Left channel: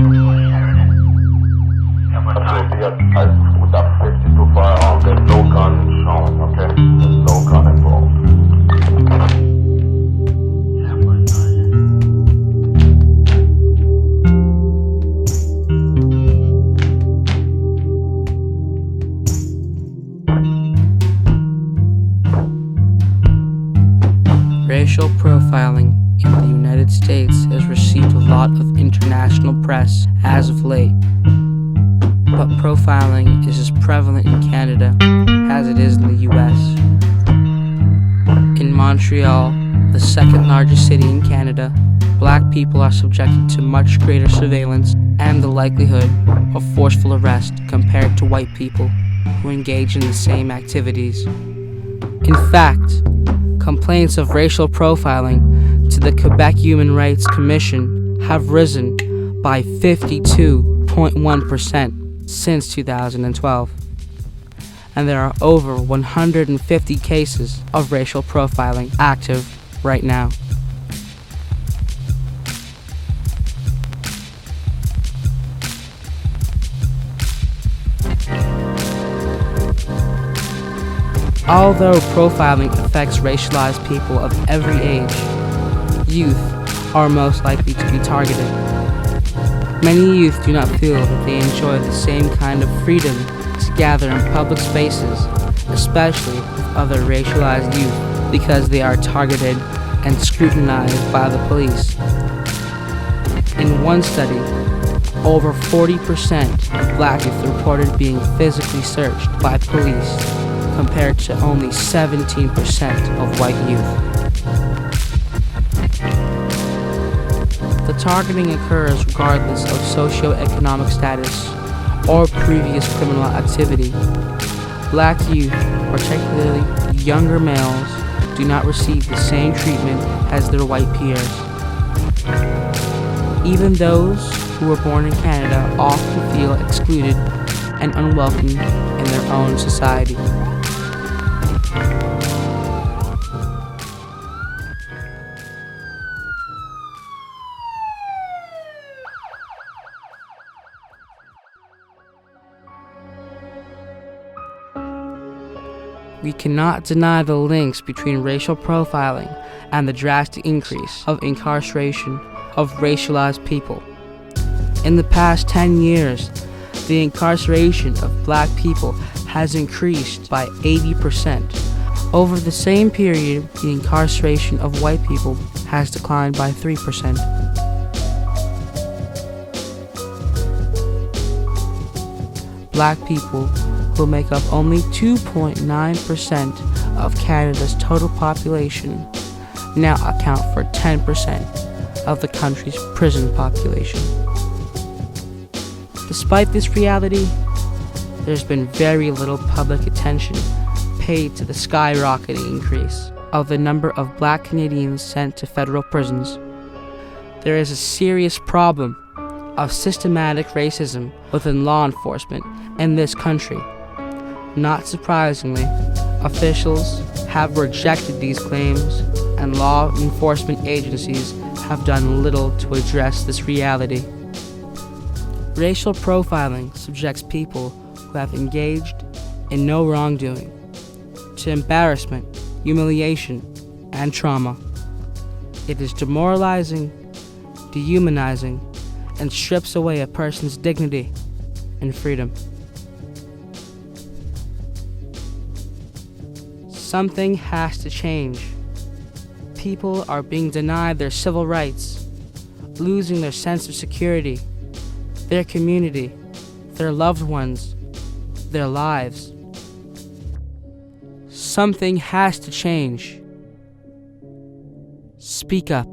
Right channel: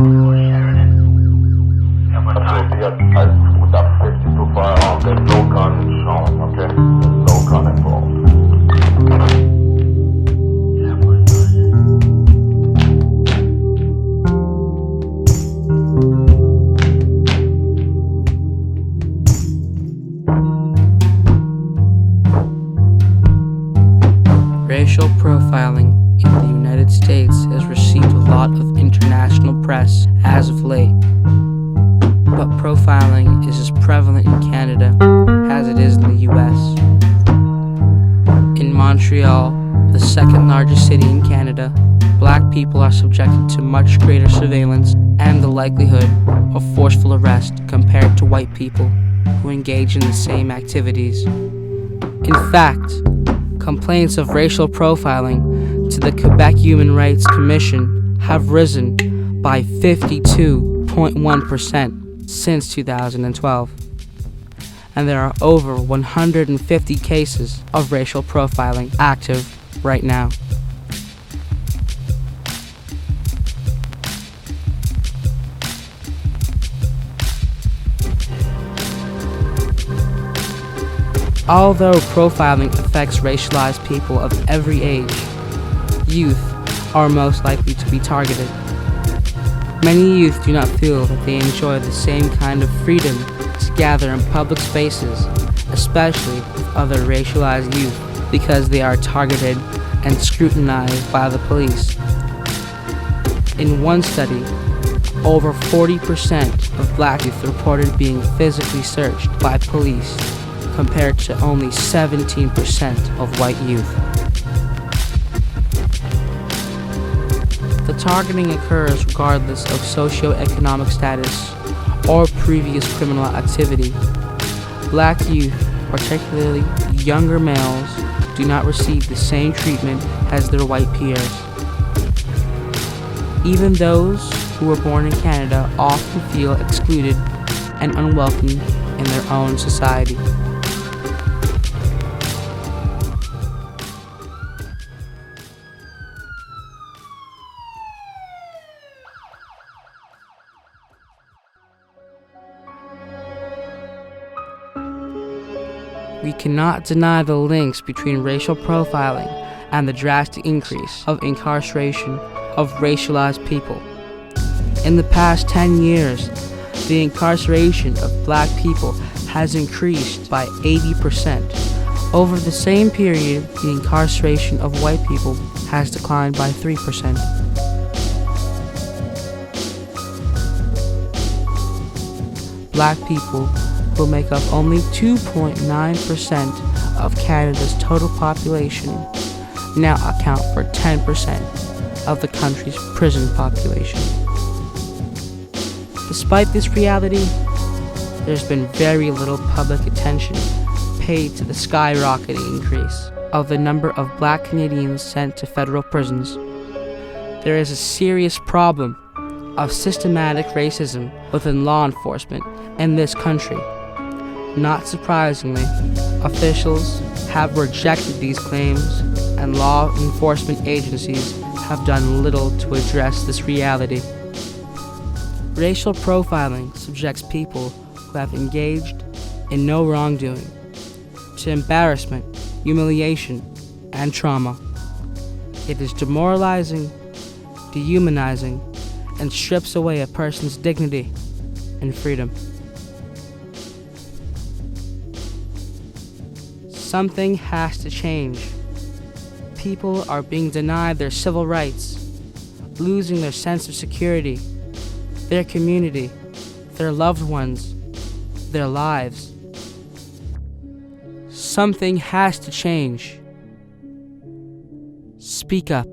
Absolutely, yes. With that 52 firearm, there's no gun shown, okay? There's no gun involved. Racial profiling in the United States has received a lot of international press as of late, but profiling is as prevalent in Canada as it is in the US. In Montreal, the second largest city in Canada, Black people are subjected to much greater surveillance and the likelihood of forceful arrest compared to white people who engage in the same activities. In fact, complaints of racial profiling to the Quebec Human Rights Commission have risen by 52.1% since 2012. And there are over 150 cases of racial profiling active right now. Although profiling affects racialized people of every age, youth are most likely to be targeted. Many youth do not feel that they enjoy the same kind of freedom to gather in public spaces, especially with other racialized youth, because they are targeted and scrutinized by the police. In one study, over 40% of Black youth reported being physically searched by police, compared to only 17% of white youth. The targeting occurs regardless of socioeconomic status or previous criminal activity. Black youth, particularly younger males, do not receive the same treatment as their white peers. Even those who were born in Canada often feel excluded and unwelcome in their own society. We cannot deny the links between racial profiling and the drastic increase of incarceration of racialized people. In the past 10 years, the incarceration of Black people has increased by 80%. Over the same period, the incarceration of white people has declined by 3%. Black people, who make up only 2.9% of Canada's total population, now account for 10% of the country's prison population. Despite this reality, there's been very little public attention paid to the skyrocketing increase of the number of Black Canadians sent to federal prisons. There is a serious problem of systematic racism within law enforcement in this country. Not surprisingly, officials have rejected these claims, and law enforcement agencies have done little to address this reality. Racial profiling subjects people who have engaged in no wrongdoing to embarrassment, humiliation, and trauma. It is demoralizing, dehumanizing, and strips away a person's dignity and freedom. Something has to change. People are being denied their civil rights, losing their sense of security, their community, their loved ones, their lives. Something has to change. Speak up.